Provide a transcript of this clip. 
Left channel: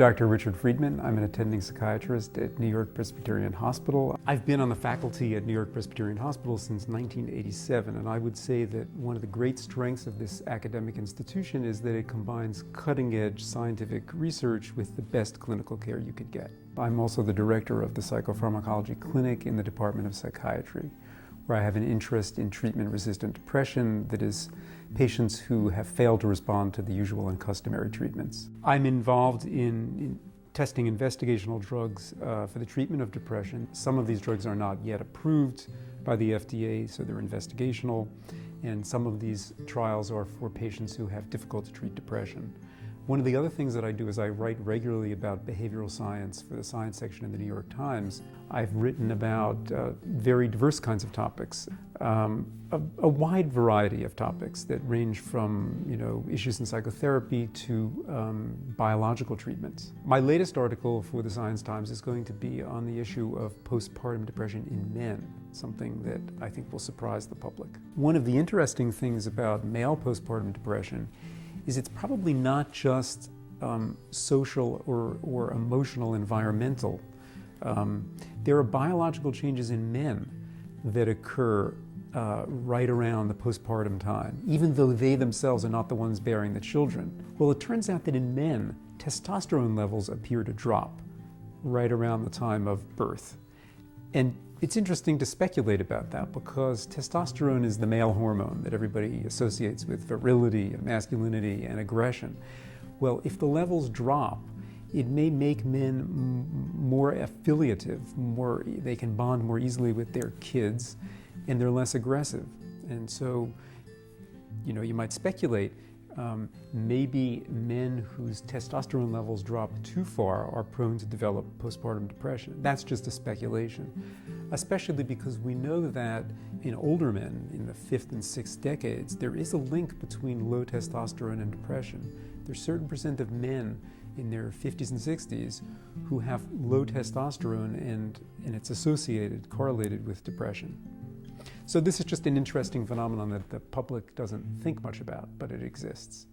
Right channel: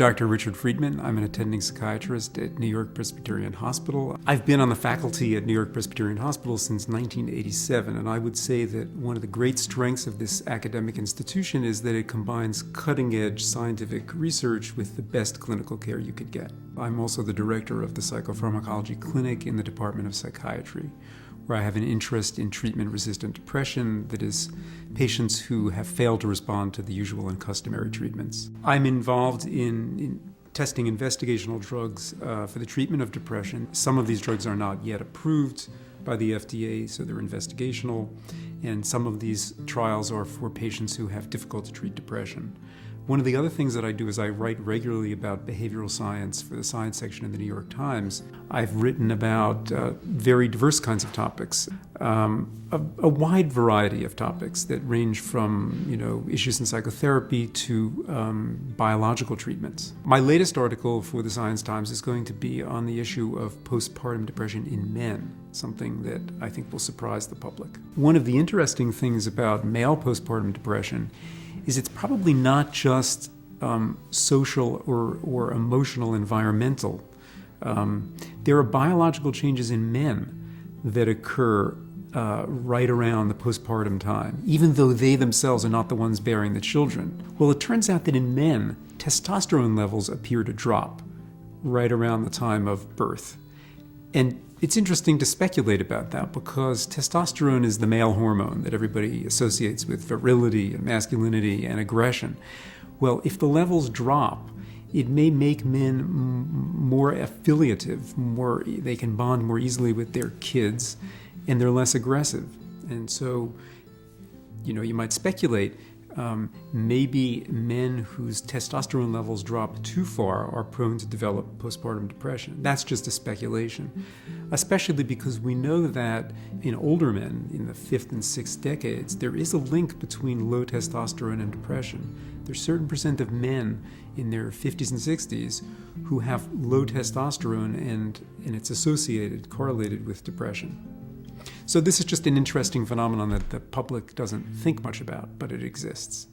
Dr. Richard Friedman. I'm an attending psychiatrist at NewYork-Presbyterian Hospital. I've been on the faculty at NewYork-Presbyterian Hospital since 1987, and I would say that one of the great strengths of this academic institution is that it combines cutting-edge scientific research with the best clinical care you could get. I'm also the director of the Psychopharmacology Clinic in the Department of Psychiatry, where I have an interest in treatment-resistant depression, that is, patients who have failed to respond to the usual and customary treatments. I'm involved in testing investigational drugs for the treatment of depression. Some of these drugs are not yet approved by the FDA, so they're investigational, and some of these trials are for patients who have difficult-to-treat depression. One of the other things that I do is I write regularly about behavioral science for the science section of the New York Times. I've written about very diverse kinds of topics, a wide variety of topics that range from issues in psychotherapy to biological treatments. My latest article for the Science Times is going to be on the issue of postpartum depression in men, something that I think will surprise the public. One of the interesting things about male postpartum depression is it's probably not just social or emotional, environmental. There are biological changes in men that occur right around the postpartum time, even though they themselves are not the ones bearing the children. Well, it turns out that in men, testosterone levels appear to drop right around the time of birth. And it's interesting to speculate about that because testosterone is the male hormone that everybody associates with virility, masculinity, and aggression. Well, if the levels drop, it may make men more affiliative, they can bond more easily with their kids, and they're less aggressive. And so, you might speculate, maybe men whose testosterone levels drop too far are prone to develop postpartum depression. That's just a speculation, especially because we know that in older men, in the 5th and 6th decades, there is a link between low testosterone and depression. There's a certain percent of men in their 50s and 60s who have low testosterone, and it's correlated with depression. So this is just an interesting phenomenon that the public doesn't think much about, but it exists.